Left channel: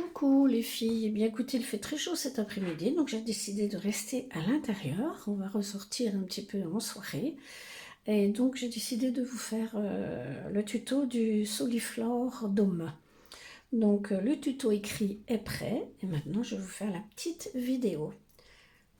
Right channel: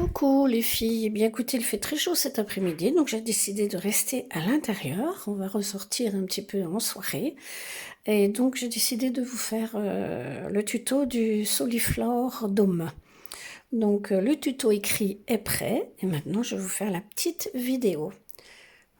Coucou les filles, eh bien écoutez, il fait très chaud cet après-midi, donc j'ai décidé de rester à l'intérieur. On va ressortir un petit peu en soirée. Et donc j'ai décidé de vous faire le tuto du Soliflore Dome. Donc le tuto écrit est prêt et maintenant je vais vous faire la petite vidéo.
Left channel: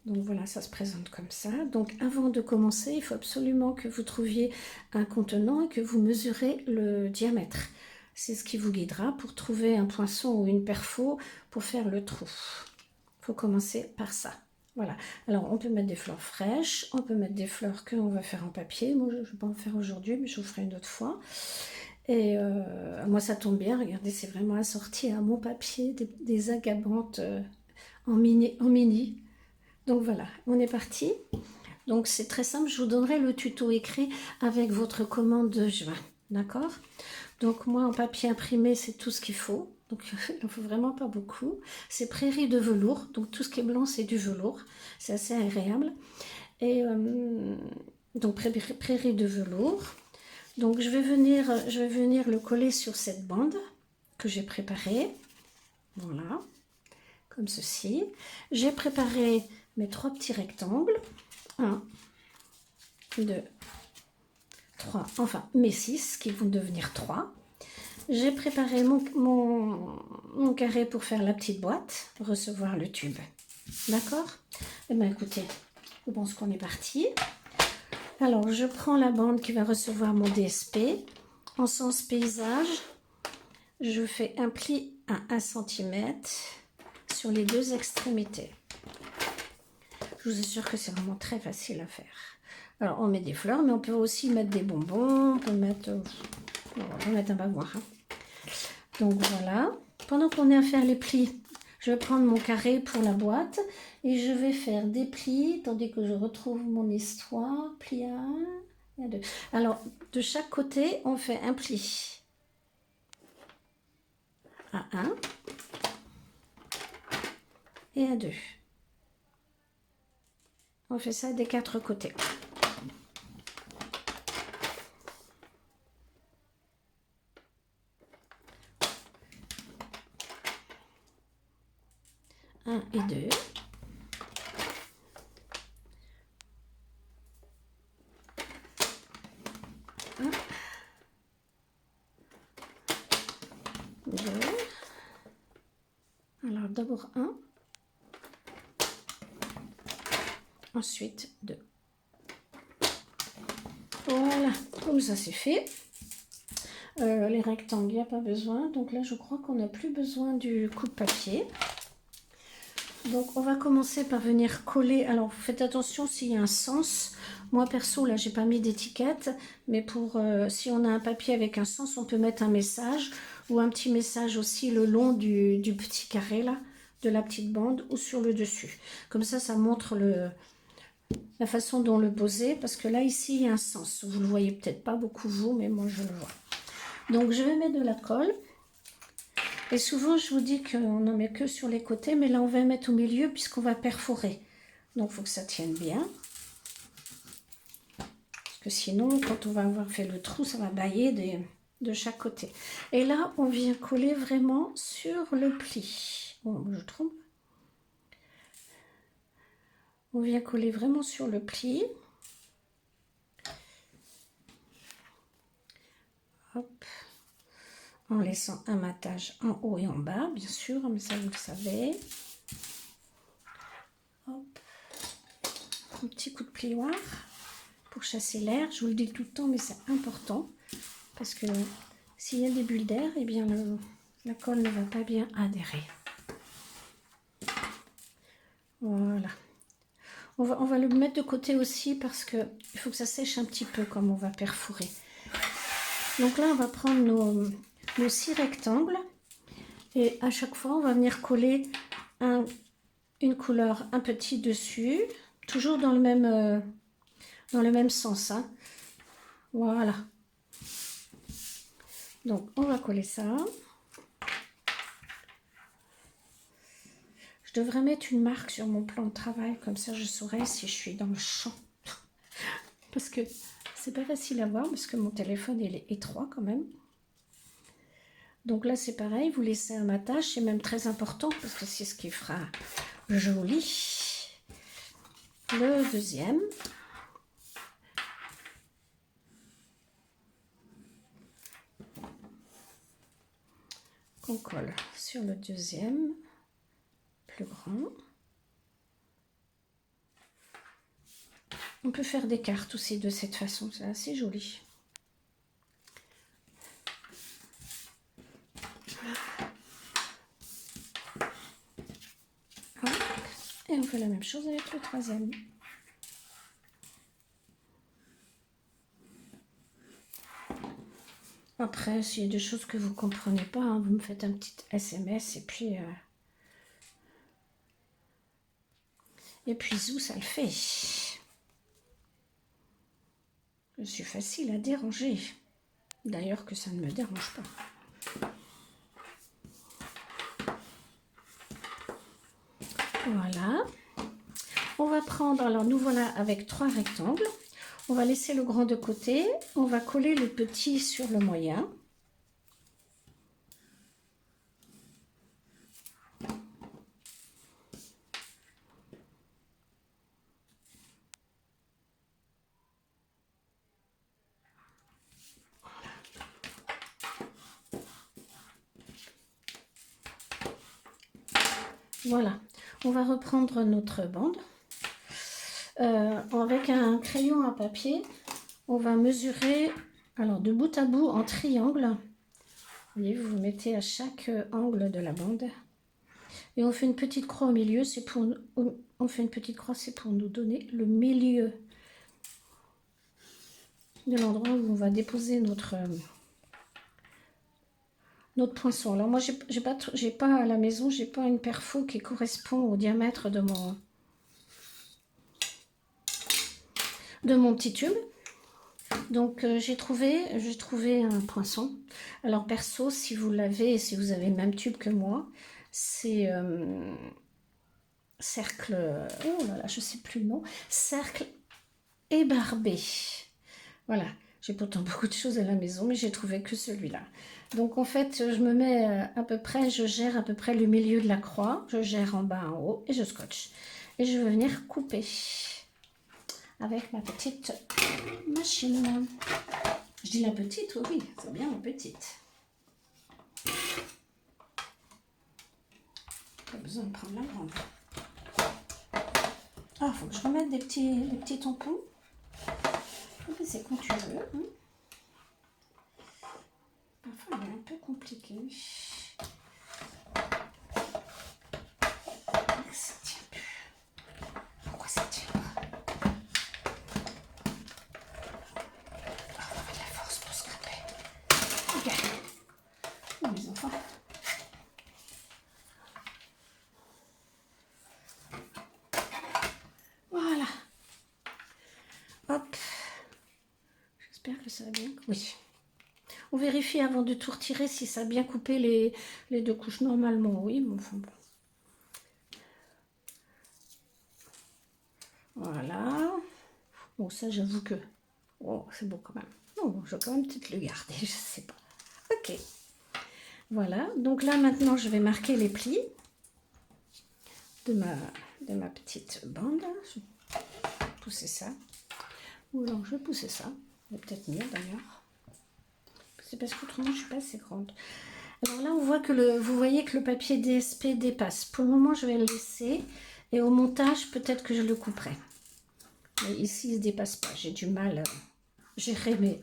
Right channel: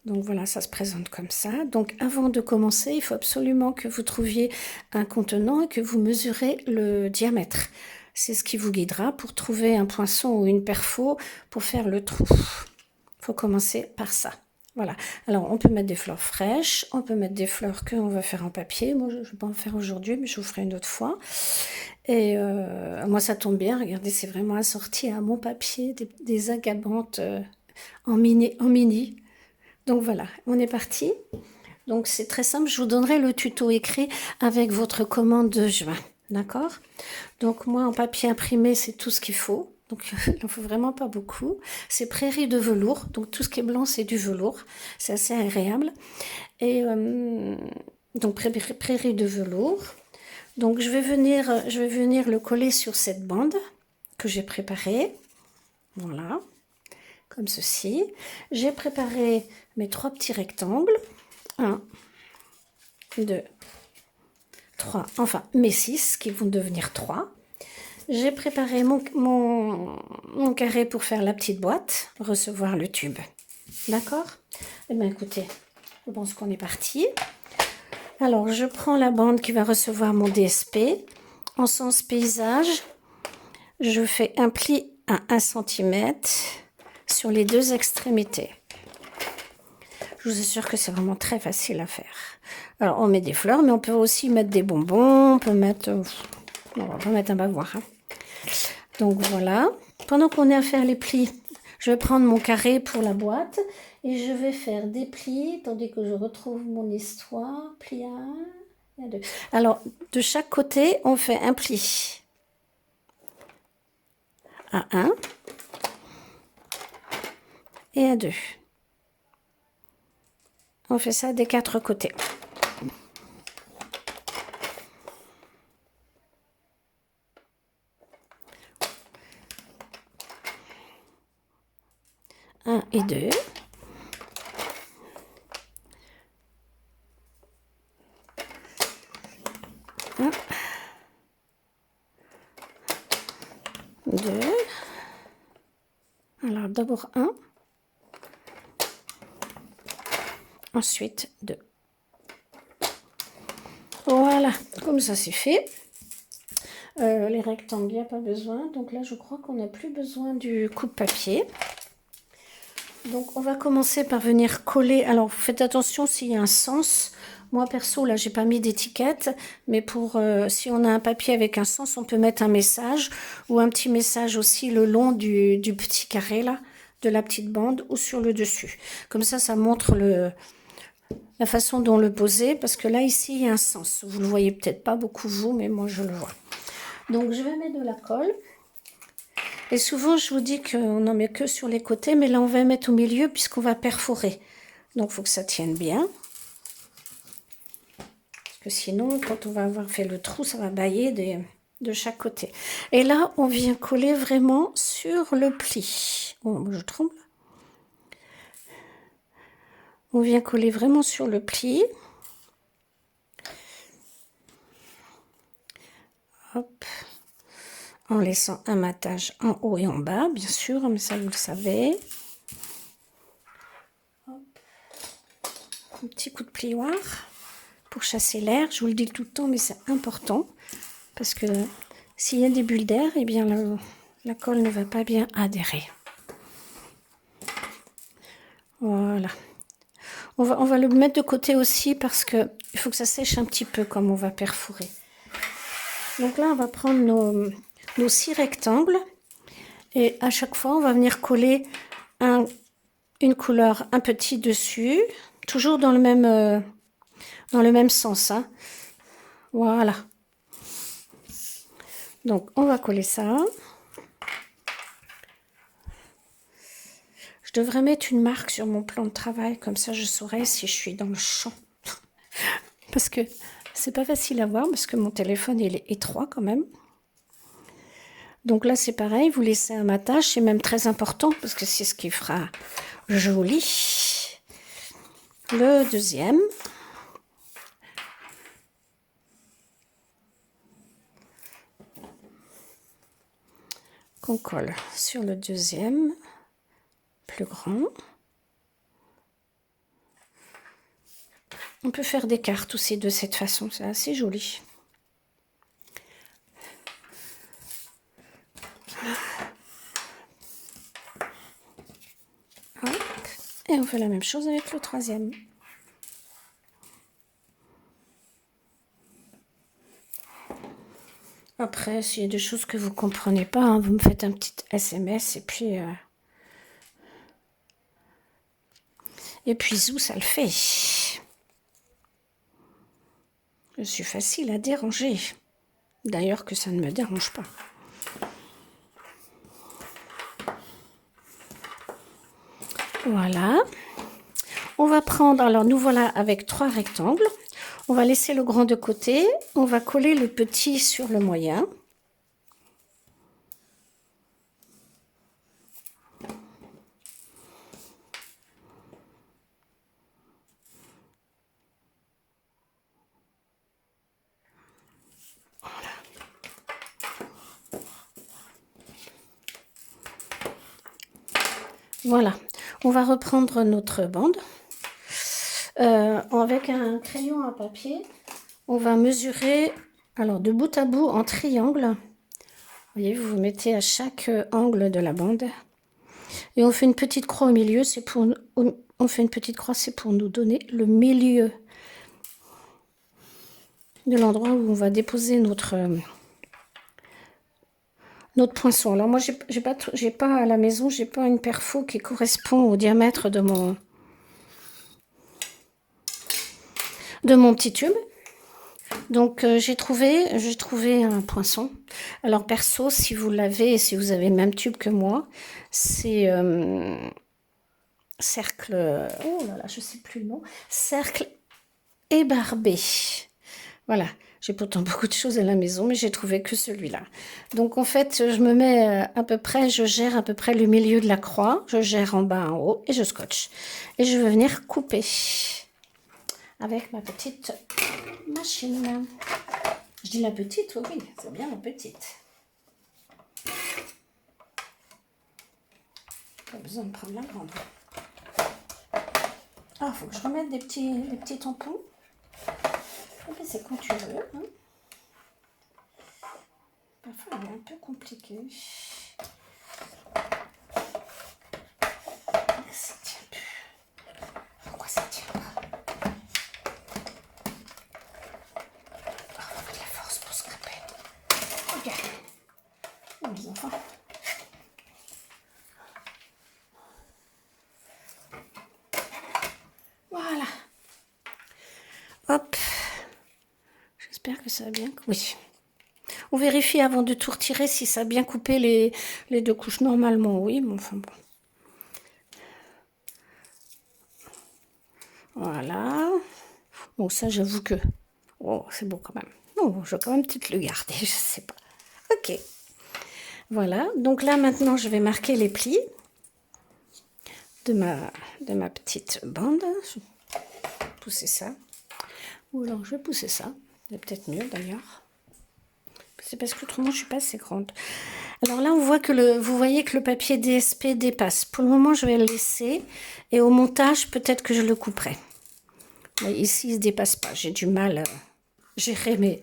Donc voilà, ça se présente comme ça. Donc avant de commencer, il faut absolument que vous trouviez un contenant et que vous mesurez le diamètre. C'est ce qui vous guidera pour trouver un poinçon ou une perfo pour faire le trou. Il faut commencer par ça. Voilà. Alors on peut mettre des fleurs fraîches, on peut mettre des fleurs qu'on va faire en papier. Moi je ne vais pas en faire aujourd'hui, mais je vous ferai une autre fois. Et moi ça tombe bien, regardez, c'est vraiment assorti à mon papier, des agabantes en mini. Donc voilà, on est parti. Donc c'est très simple, je vous donnerai le tuto écrit avec votre commande de juin. D'accord? Donc moi en papier imprimé, c'est tout ce qu'il faut. Donc il n'en faut vraiment pas beaucoup. C'est prairie de velours, donc tout ce qui est blanc c'est du velours. C'est assez agréable. Et donc prairie de velours. Donc je vais venir le coller sur cette bande que j'ai préparée. Voilà, comme ceci. J'ai préparé mes 3 petits rectangles. 1, 2, 3, enfin mes 6 qui vont devenir 3. J'ai préparé mon carré pour faire la petite boîte, recevoir le tube. D'accord? Eh bien écoutez, je pense qu'on est parti. Alors je prends la bande qui va recevoir mon DSP. En sens paysage, je fais un pli à 1 cm sur les 2 extrémités. Je vous assure que c'est vraiment très facile à faire. Alors on met des fleurs, mais on peut aussi mettre des bonbons, on peut mettre un bavoir. Hein. Donc voilà, pendant qu'on est à faire les plis, je vais prendre mon carré pour la boîte et je vais faire des plis, tandis que je retrouve mon histoire. Pli 1, 2. Alors de chaque côté, on fait un pli à 1 et à 2. On fait ça des 4 côtés. Un et 2. Un, 2. Alors d'abord 1. Ensuite 2. Voilà, comme ça c'est fait. Les rectangles, il n'y a pas besoin. Donc là, je crois qu'on n'a plus besoin du coupe-papier. Donc on va commencer par venir coller. Alors vous faites attention s'il y a un sens. Moi perso, là, j'ai pas mis d'étiquette. Mais pour si on a un papier avec un sens, on peut mettre un message. Ou un petit message aussi le long du petit carré, là, de la petite bande, ou sur le dessus. Comme ça montre la façon dont le poser. Parce que là, ici, il y a un sens. Vous le voyez peut-être pas beaucoup, vous, mais moi, je le vois. Donc je vais mettre de la colle. Et souvent je vous dis qu'on n'en met que sur les côtés, mais là on va mettre au milieu puisqu'on va perforer. Donc il faut que ça tienne bien. Parce que sinon, quand on va avoir fait le trou, ça va bailler de chaque côté. Et là, on vient coller vraiment sur le pli. Oh, je tremble. On vient coller vraiment sur le pli. Hop. En laissant un matage en haut et en bas, bien sûr, mais ça vous le savez. Hop. Un petit coup de plioir pour chasser l'air. Je vous le dis tout le temps, mais c'est important parce que s'il y a des bulles d'air, eh bien la colle ne va pas bien adhérer. Voilà. On va le mettre de côté aussi parce qu'il faut que ça sèche un petit peu comme on va perforer. Donc là, on va prendre nos 6 rectangles et à chaque fois, on va venir coller une couleur un petit dessus, toujours dans le même sens. Hein. Voilà. Donc, on va coller ça. Je devrais mettre une marque sur mon plan de travail, comme ça je saurai si je suis dans le champ. Parce que c'est pas facile à voir, parce que mon téléphone il est étroit quand même. Donc là, c'est pareil, vous laissez un matage, c'est même très important parce que c'est ce qui fera joli. Le deuxième. Qu'on colle sur le deuxième, plus grand. On peut faire des cartes aussi de cette façon, c'est assez joli. Hop. Et on fait la même chose avec le troisième. Après, s'il y a des choses que vous ne comprenez pas, hein, vous me faites un petit SMS et puis zou, ça le fait. Je suis facile à déranger. D'ailleurs que ça ne me dérange pas. Voilà. On va prendre, alors nous voilà avec 3 rectangles. On va laisser le grand de côté. On va coller le petit sur le moyen. Voilà. On va reprendre notre bande. Avec un crayon à papier, on va mesurer, alors de bout à bout en triangle. Vous voyez, vous vous mettez à chaque angle de la bande. Et on fait une petite croix au milieu, c'est pour nous donner le milieu de l'endroit où on va déposer notre poinçon. Alors moi, j'ai pas à la maison, j'ai pas une perfo qui correspond au diamètre de mon petit tube. Donc j'ai trouvé un poinçon. Alors perso, si vous l'avez, si vous avez le même tube que moi, c'est cercle, oh là là, je sais plus le nom, cercle ébarbé. Voilà, j'ai pourtant beaucoup de choses à la maison, mais j'ai trouvé que celui-là. Donc en fait, je me mets je gère à peu près le milieu de la croix, je gère en bas, en haut, et je scotche. Et je vais venir couper avec ma petite machine. Je dis la petite, oui, c'est bien la petite. Pas besoin de prendre la grande. Ah, faut que je remette des petits tampons. C'est quand tu veux. Hein. Parfois, il est un peu compliqué. Ça tient plus. Pourquoi ça tient pas? Oh, de la force pour scraper. Ok. Oh, les enfants. Voilà. Hop. J'espère que ça va bien. Oui. On vérifie avant de tout retirer si ça a bien coupé les deux couches. Normalement, oui, mais enfin bon. Voilà. Bon, ça, j'avoue que... Oh, c'est beau quand même. Non, je vais quand même peut-être le garder, je sais pas. Ok. Voilà. Donc là, maintenant, je vais marquer les plis de ma petite bande. Je vais pousser ça. Ou alors, je vais pousser ça. C'est peut-être mieux, d'ailleurs. C'est parce qu'autrement, je suis pas assez grande. Alors là, on voit que vous voyez que le papier DSP dépasse. Pour le moment, je vais le laisser. Et au montage, peut-être que je le couperai. Mais ici, il ne se dépasse pas. J'ai du mal à gérer mes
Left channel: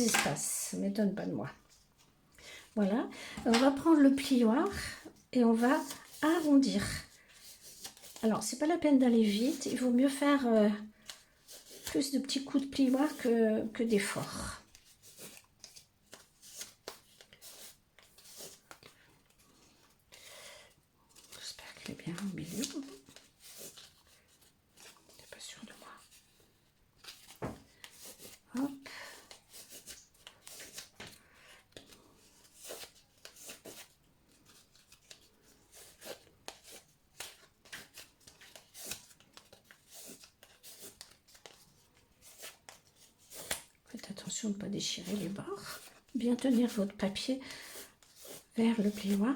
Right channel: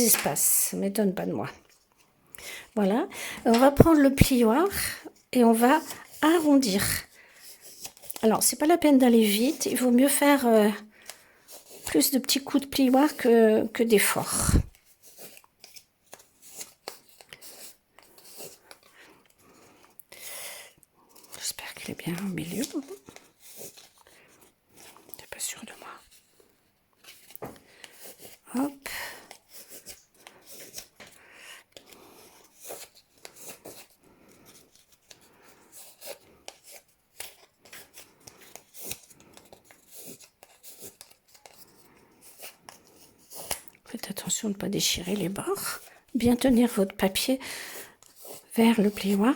espaces. Ça ne m'étonne pas de moi. Voilà. On va prendre le plioir et on va arrondir. Alors, c'est pas la peine d'aller vite. Il vaut mieux faire plus de petits coups de plioir que d'efforts. J'espère qu'il est bien au milieu. T'es pas sûr de moi. Hop. Faites attention de ne pas déchirer les bords. Bien tenir votre papier vers le plioir.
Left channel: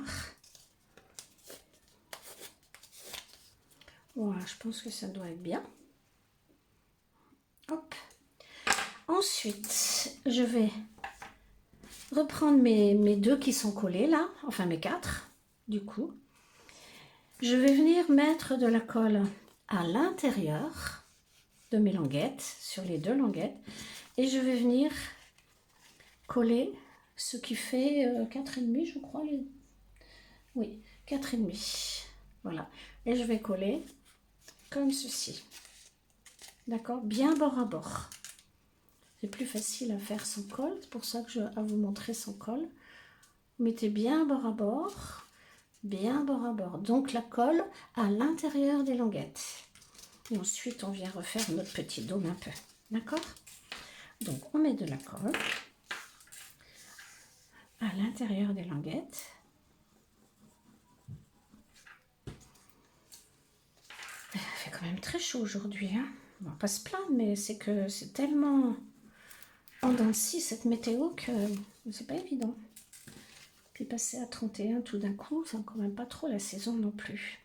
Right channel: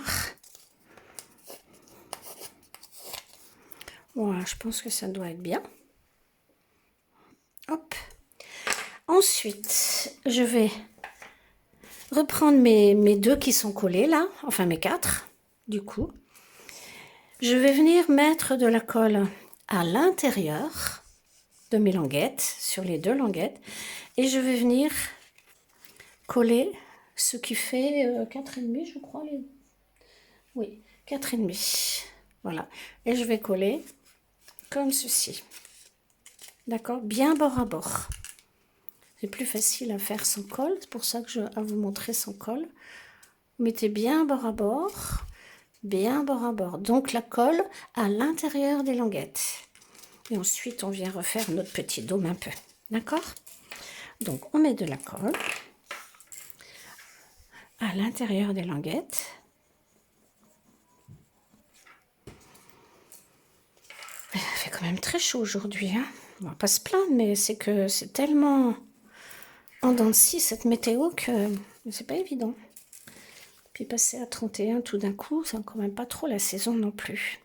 Voilà, je pense que ça doit être bien. Hop. Ensuite, je vais reprendre mes deux qui sont collés là, enfin mes 4 du coup. Je vais venir mettre de la colle à l'intérieur de mes languettes, sur les 2 languettes, et je vais venir coller ce qui fait 4,5 je crois. Oui, 4,5. Voilà, et je vais coller comme ceci. D'accord, bien bord à bord. C'est plus facile à faire sans colle, c'est pour ça que je vais vous montrer sans colle. Vous mettez bien bord à bord, bien bord à bord. Donc la colle à l'intérieur des languettes. Et ensuite, on vient refaire notre petit dôme un peu. D'accord? Donc, on met de la colle à l'intérieur des languettes. Il fait quand même très chaud aujourd'hui, hein. On va pas se plaindre, mais c'est que c'est tellement en dents de scie cette météo que c'est pas évident. Puis passer à 31 tout d'un coup, c'est quand même pas trop la saison non plus.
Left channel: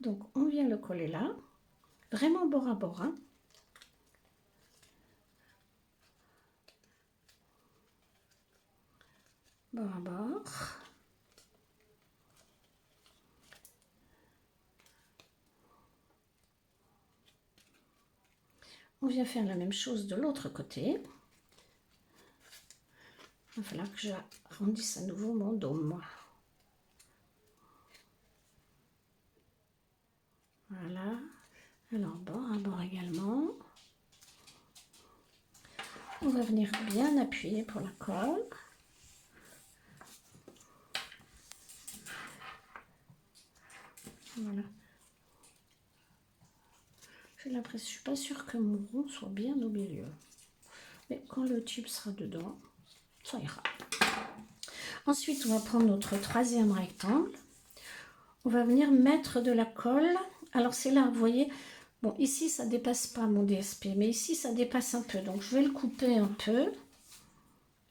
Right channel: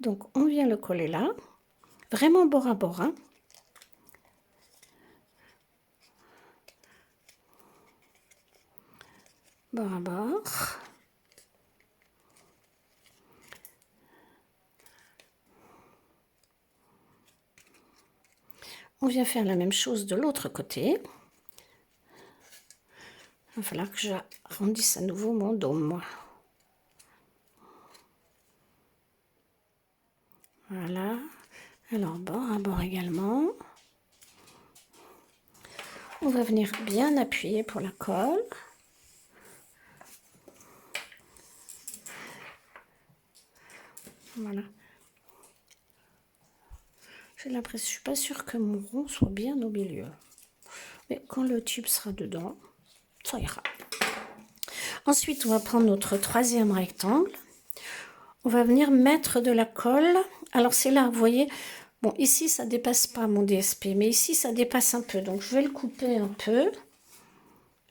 Donc on vient le coller là, vraiment bord à bord, hein. Bord à bord. On vient faire la même chose de l'autre côté. Il va falloir que j'arrondisse à nouveau mon dôme, moi. Voilà. Alors, bord à bord également. On va venir bien appuyer pour la colle. Voilà. J'ai l'impression, je suis pas sûre que mon rond soit bien au milieu. Mais quand le tube sera dedans, ça ira. Ensuite, on va prendre notre 3e rectangle. On va venir mettre de la colle. Alors c'est là, vous voyez, bon ici ça dépasse pas mon DSP, mais ici ça dépasse un peu. Donc je vais le couper un peu.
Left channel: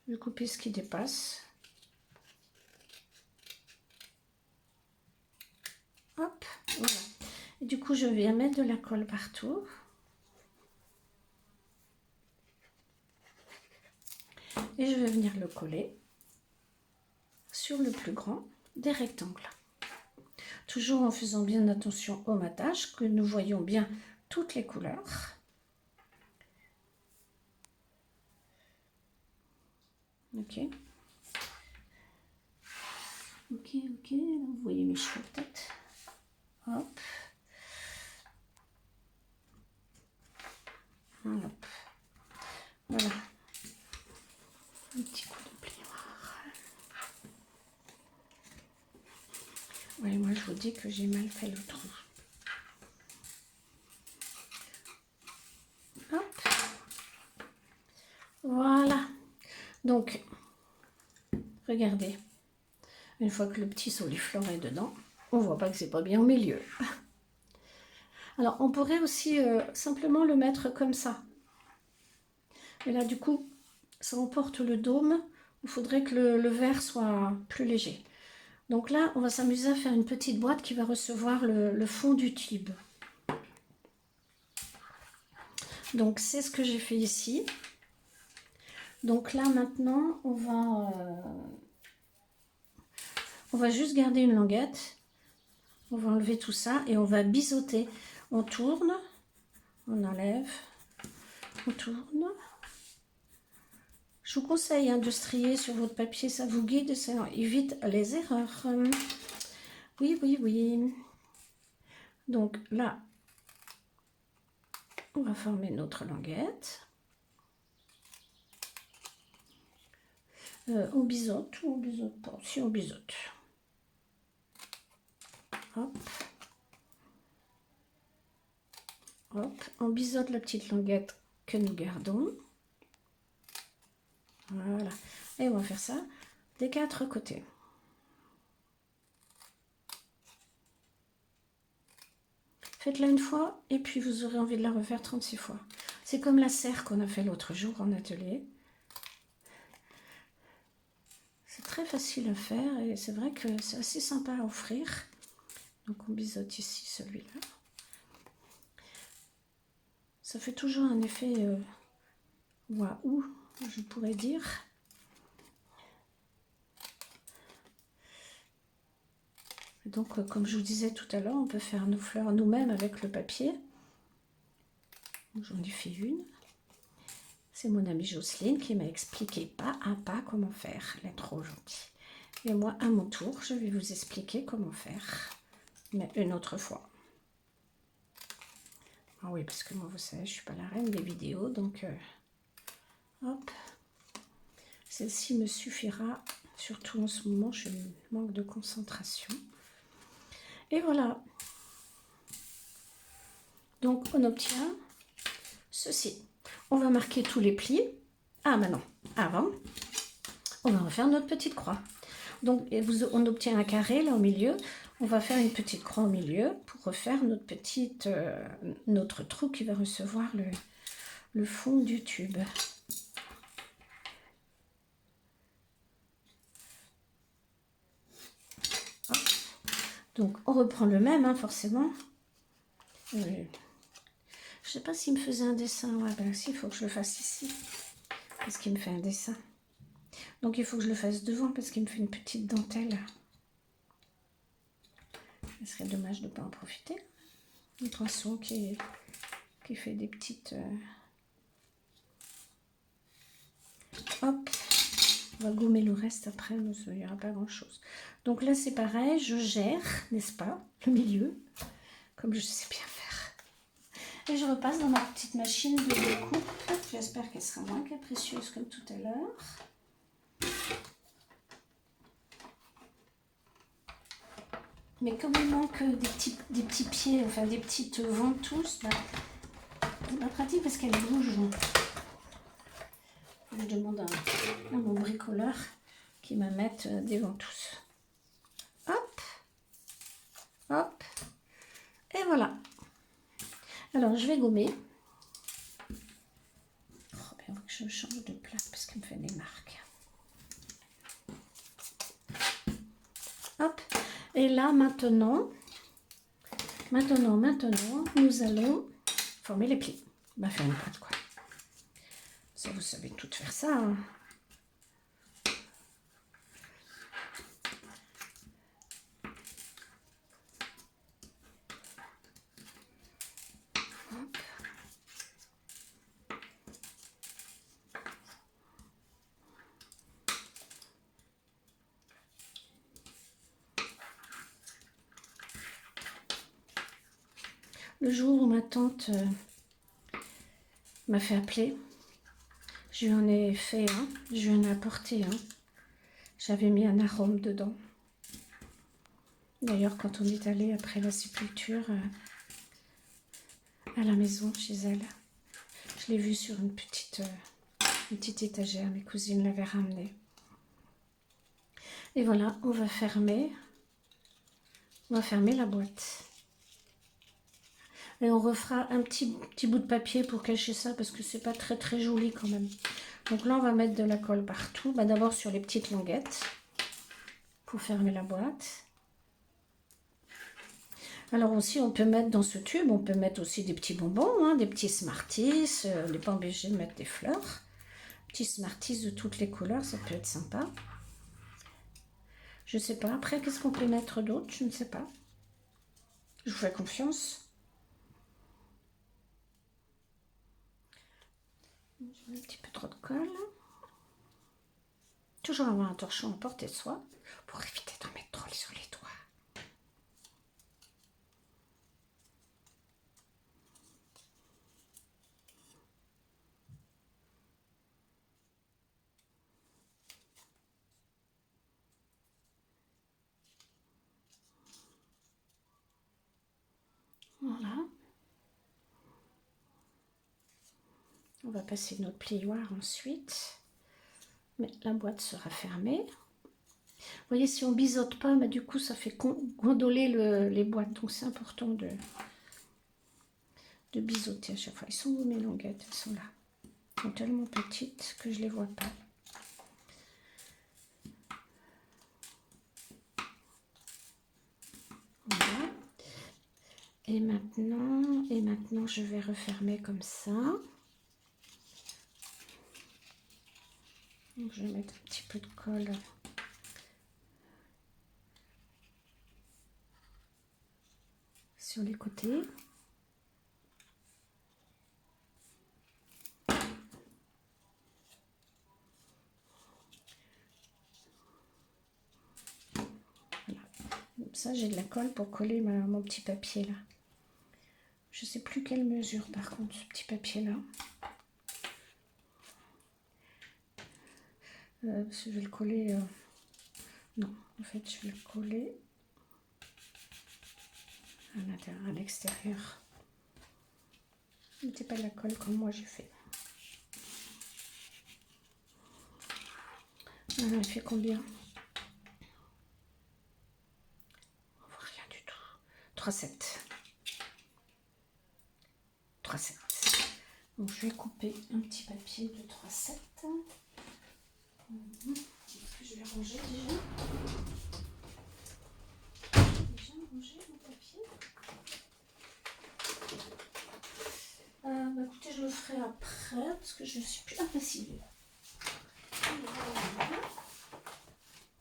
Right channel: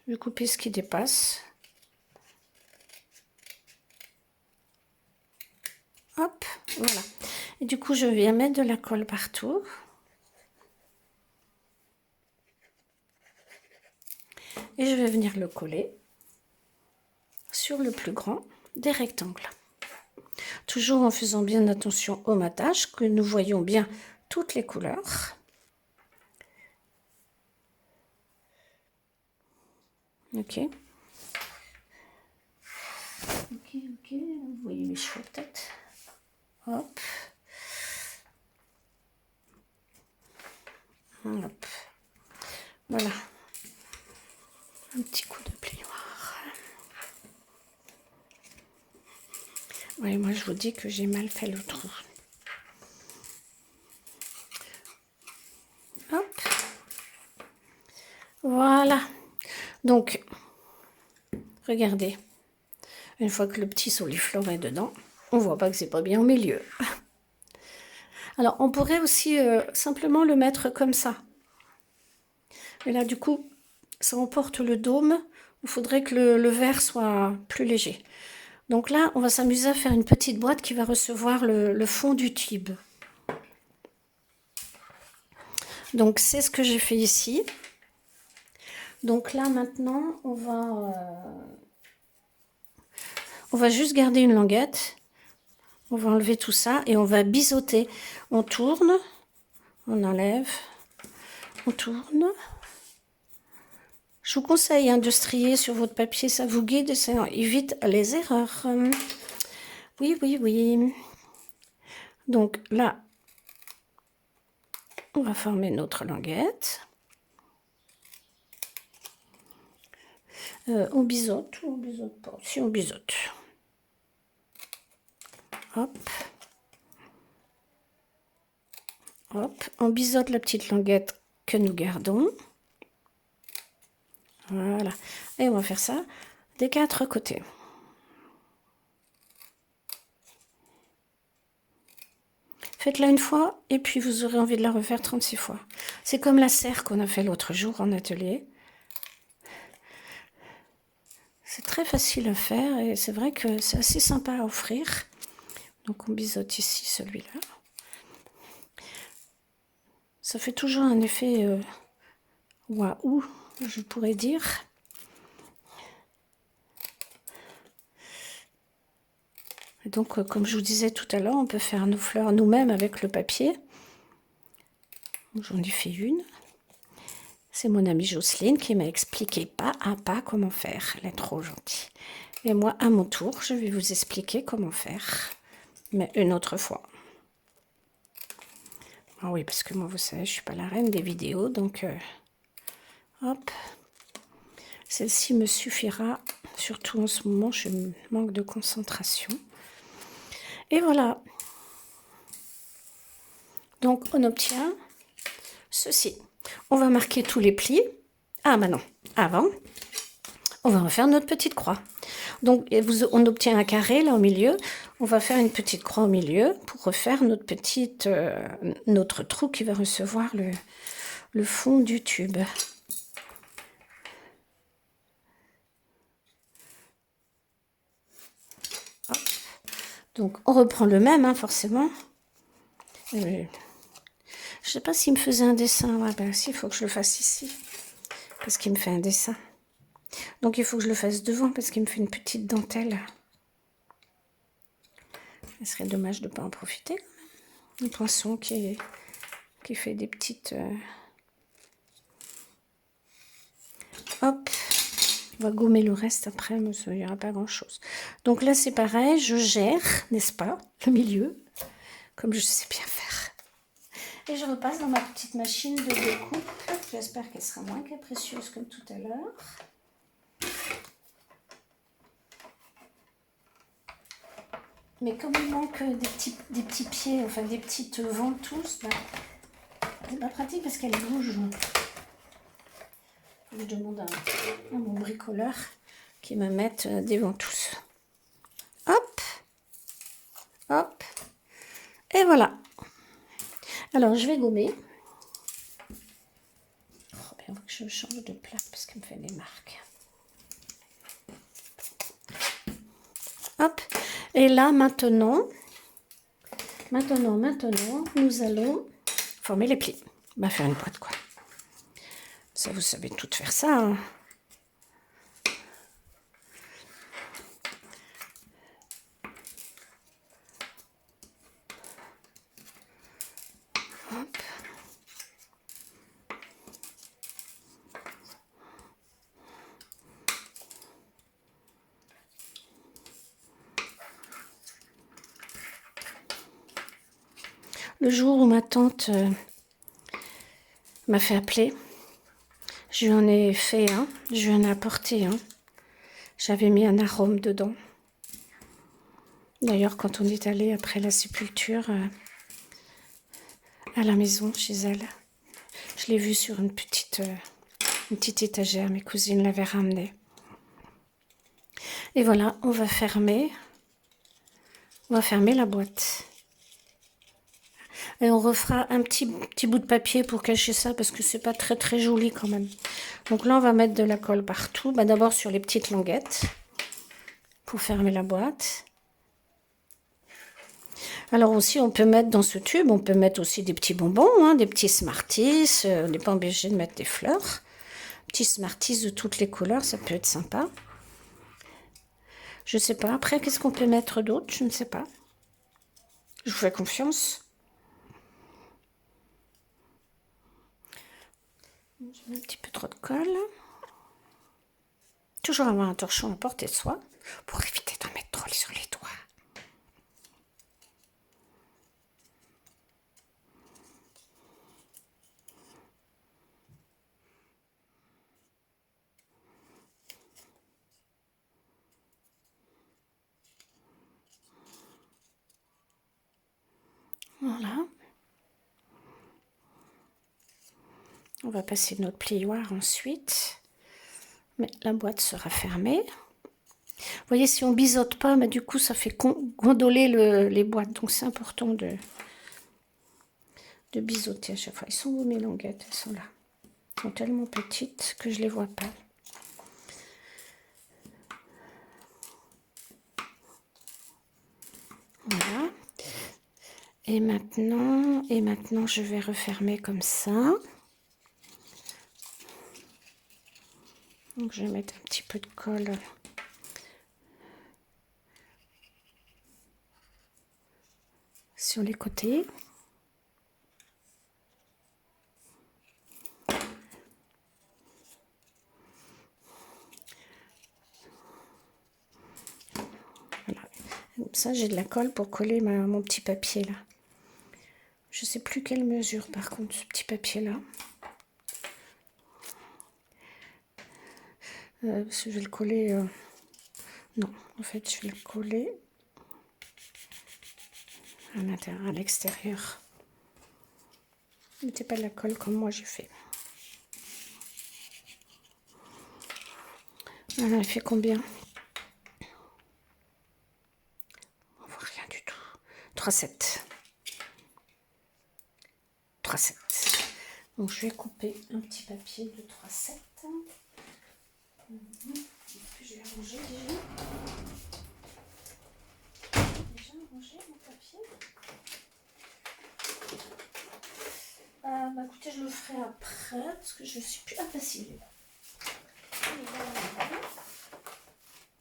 Je vais couper ce qui dépasse. Hop, voilà. Et du coup je viens mettre de la colle partout. Et je vais venir le coller sur le plus grand des rectangles. Toujours en faisant bien attention au matage, que nous voyons bien toutes les couleurs. Ok. Ok, vous voyez mes cheveux peut-être. Hop. Hop. Voilà. Un petit coup de plioir. Oui, moi je vous dis que j'ai mal fait le trou. Hop. Voilà. Donc, regardez. Une fois que le petit soliflore est dedans, on voit pas que c'est pas bien au milieu. Alors, on pourrait aussi simplement le mettre comme ça. Et là, du coup, ça emporte le dôme. Il faudrait que le verre soit plus léger. Donc là, on va s'amuser à faire une petite boîte qui va recevoir le fond du tube. Donc, c'est ce que j'ai fait ici. Donc là, maintenant, on va juste garder une languette. On va enlever tout ça et on va biseauter. On tourne, on enlève, on tourne. Je vous conseille de strier sur votre papier, ça vous guide et ça évite les erreurs. Oui, oui, oui. Donc là, on va former notre languette. On biseaute ou on biseaute pas? Si on biseaute. Hop. Hop. On biseaute la petite languette que nous gardons. Voilà. Et on va faire ça des 4 côtés. Faites-la une fois et puis vous aurez envie de la refaire 36 fois. C'est comme la serre qu'on a fait l'autre jour en atelier. C'est très facile à faire et c'est vrai que c'est assez sympa à offrir. Donc on biseaute ici celui-là. Ça fait toujours un effet waouh, je pourrais dire. Et donc comme je vous disais tout à l'heure, on peut faire nos fleurs nous-mêmes avec le papier. J'en ai fait une. C'est mon amie Jocelyne qui m'a expliqué pas à pas comment faire. Elle est trop gentille. Et moi, à mon tour, je vais vous expliquer comment faire. Mais une autre fois. Ah oui, parce que moi, vous savez, je suis pas la reine des vidéos. Donc, hop. Celle-ci me suffira. Surtout en ce moment, je manque de concentration. Et voilà. Donc, on obtient ceci. On va marquer tous les plis. Ah, bah non. Avant, on va refaire notre petite croix. Donc, on obtient un carré là au milieu. On va faire une petite croix au milieu pour refaire notre trou qui va recevoir le fond du tube. Donc, on reprend le même, hein, forcément. Je ne sais pas s'il me faisait un dessin. Ah ben, si, il faut que je le fasse ici. Parce qu'il me fait un dessin. Donc, il faut que je le fasse devant parce qu'il me fait une petite dentelle. Ce serait dommage de ne pas en profiter. Un poinçon qui fait des petites... Hop, on va gommer le reste après, mais il n'y aura pas grand-chose. Donc là, c'est pareil, je gère, n'est-ce pas, le milieu, comme je sais bien faire. Et je repasse dans ma petite machine de découpe. J'espère qu'elle sera moins capricieuse que tout à l'heure. Mais comme il manque des petits pieds, enfin des petites ventouses, bah, c'est pas pratique parce qu'elle bouge. Je demande à mon bricoleur qui me mette des ventouses. Hop, hop, et voilà. Alors, je vais gommer. Oh, bien que je change de plaque parce qu'il me fait des marques. Hop, et là, maintenant, nous allons former les plis. On va faire une boîte, quoi. Ça, vous savez tout faire ça, hein. Hop. Le jour où ma tante m'a fait appeler, je lui en ai fait un, je lui en ai apporté un. J'avais mis un arôme dedans. D'ailleurs, quand on est allé après la sépulture à la maison chez elle, je l'ai vu sur une petite étagère. Mes cousines l'avaient ramené. Et voilà, on va fermer la boîte. Et on refera un petit bout de papier pour cacher ça parce que c'est pas très très joli quand même. Donc là, on va mettre de la colle partout. Bah, d'abord sur les petites languettes pour fermer la boîte. Alors aussi, on peut mettre dans ce tube, on peut mettre aussi des petits bonbons, hein, des petits Smarties. On n'est pas obligé de mettre des fleurs. Petits Smarties de toutes les couleurs, ça peut être sympa. Je sais pas. Après, qu'est-ce qu'on peut mettre d'autre? Je ne sais pas. Je vous fais confiance. J'ai mis un petit peu trop de colle. Toujours avoir un torchon à portée de soi pour éviter d'en mettre trop sur les doigts. Voilà. On va passer notre plioir ensuite. Mais la boîte sera fermée. Vous voyez, si on biseaute pas, mais du coup, ça fait gondoler les boîtes. Donc, c'est important de biseauter à chaque fois. Ils sont où mes languettes? Elles sont là. Elles sont tellement petites que je les vois pas. Voilà. Et maintenant, je vais refermer comme ça. Donc, je vais mettre un petit peu de colle sur les côtés. Voilà. Comme ça, j'ai de la colle pour coller mon petit papier là. Je sais plus quelle mesure par contre ce petit papier là. Parce que je vais le coller. Non, en fait, je vais le coller à l'intérieur, à l'extérieur. Mettez pas de la colle comme moi j'ai fait. Voilà, il fait combien? On voit rien du tout. 3,7. 3,7. Donc je vais couper un petit papier de 3,7. Est-ce que je vais ranger déjà? Déjà ranger mon papier? Bah écoutez, je le ferai après parce que je ne suis plus impassible. Voilà.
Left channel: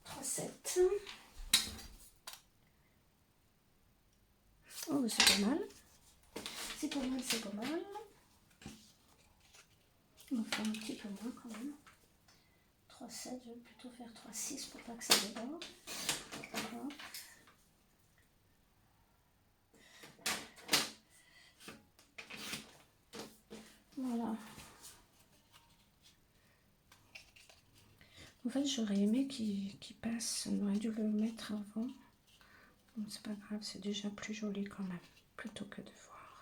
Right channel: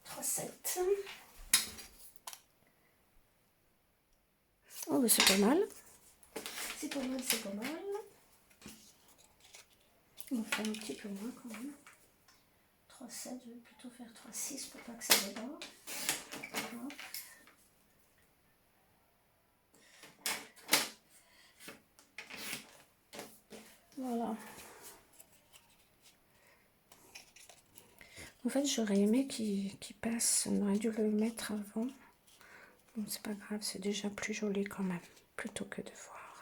3,7. Oh, mais c'est pas mal. C'est pas mal, c'est pas mal. On va faire un petit peu moins quand même. 3,7, je vais plutôt faire 3,6 pour pas que ça déborde. Voilà. Voilà. En fait, j'aurais aimé qu'il passe. On aurait dû le mettre avant. Bon, c'est pas grave, c'est déjà plus joli quand même, plutôt que de voir.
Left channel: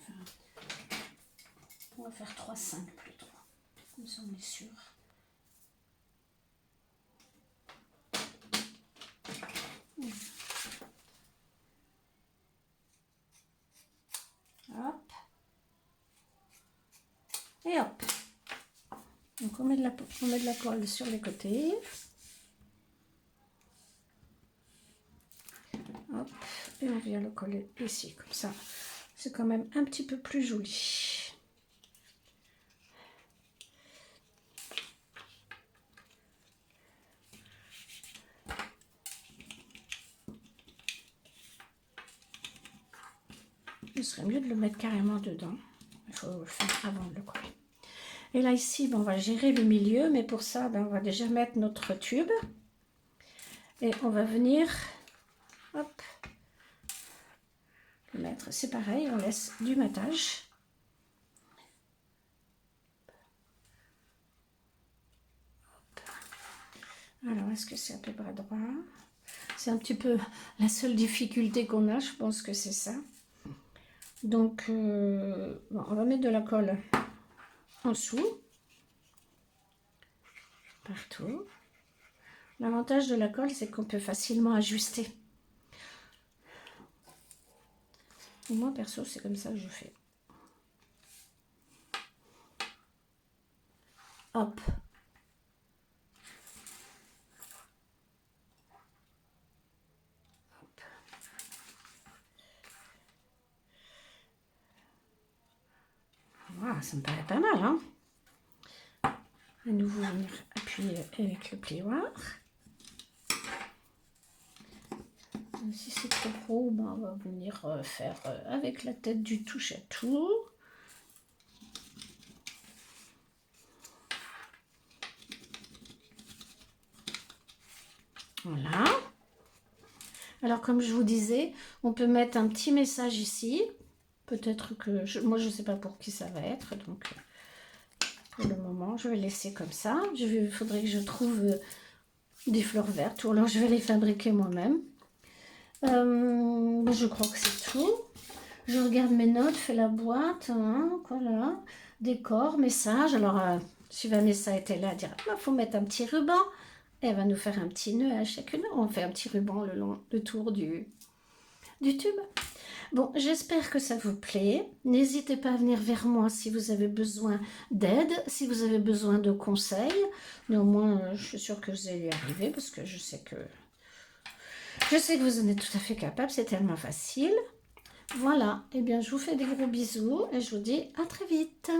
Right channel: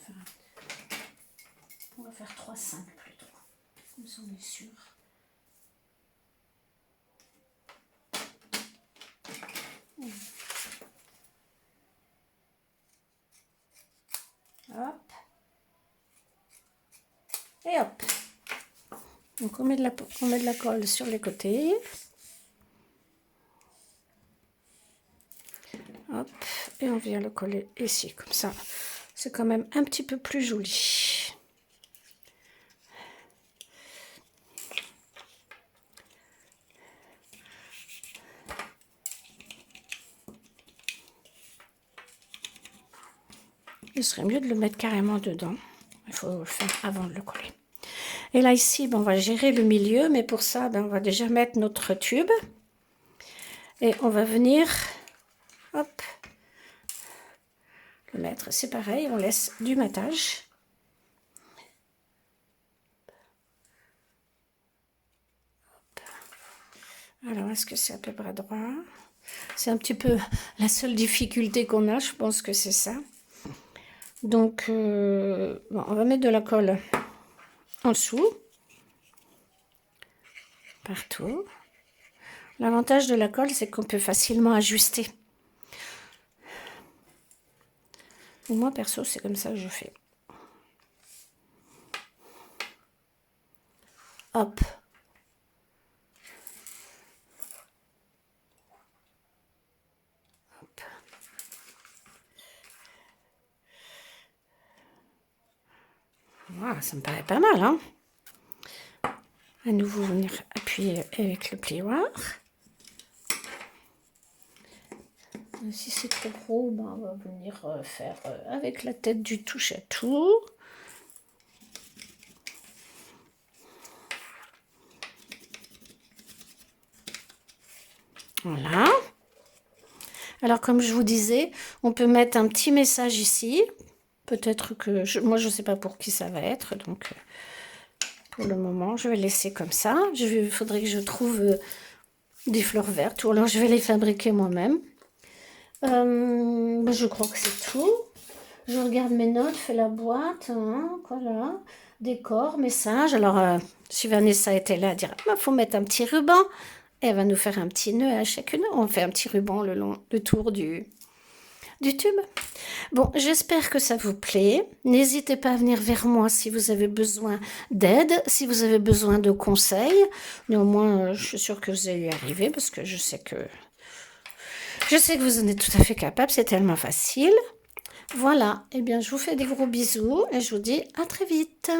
Enfin, on va faire 3,5 plutôt. Comme ça, on est sûr. Hop. Et hop. Donc on met de la colle sur les côtés. Hop. Et on vient le coller ici, comme ça. C'est quand même un petit peu plus joli. Il serait mieux de le mettre carrément dedans. Il faut le faire avant de le coller. Et là, ici, ben, on va gérer le milieu. Mais pour ça, ben, on va déjà mettre notre tube. Et on va venir, hop, le mettre. C'est pareil, on laisse du matage. Hop. Alors, est-ce que c'est à peu près droit? C'est un petit peu la seule difficulté qu'on a. Je pense que c'est ça. Donc, bon, on va mettre de la colle en dessous, partout. L'avantage de la colle, c'est qu'on peut facilement ajuster. Moi, perso, c'est comme ça que je fais. Hop. Hop. Voilà, ça me paraît pas mal, hein. À nouveau, venir appuyer avec le plioir. Si c'est trop gros, ben on va venir faire avec la tête du touche à tout. Voilà. Alors comme je vous disais, on peut mettre un petit message ici. Peut-être que moi je ne sais pas pour qui ça va être, donc pour le moment je vais laisser comme ça. Il faudrait que je trouve des fleurs vertes, ou alors je vais les fabriquer moi-même. Je crois que c'est tout. Je regarde mes notes, fais la boîte, hein, voilà, décor, message. Alors, si Vanessa était là, elle dirait, il faut mettre un petit ruban. Et elle va nous faire un petit nœud à chacune. On fait un petit ruban le tour du tube. Bon, j'espère que ça vous plaît. N'hésitez pas à venir vers moi si vous avez besoin d'aide, si vous avez besoin de conseils. Néanmoins, je suis sûre que vous allez y arriver parce que je sais que Je sais que vous en êtes tout à fait capable, c'est tellement facile. Voilà, eh bien je vous fais des gros bisous et je vous dis à très vite.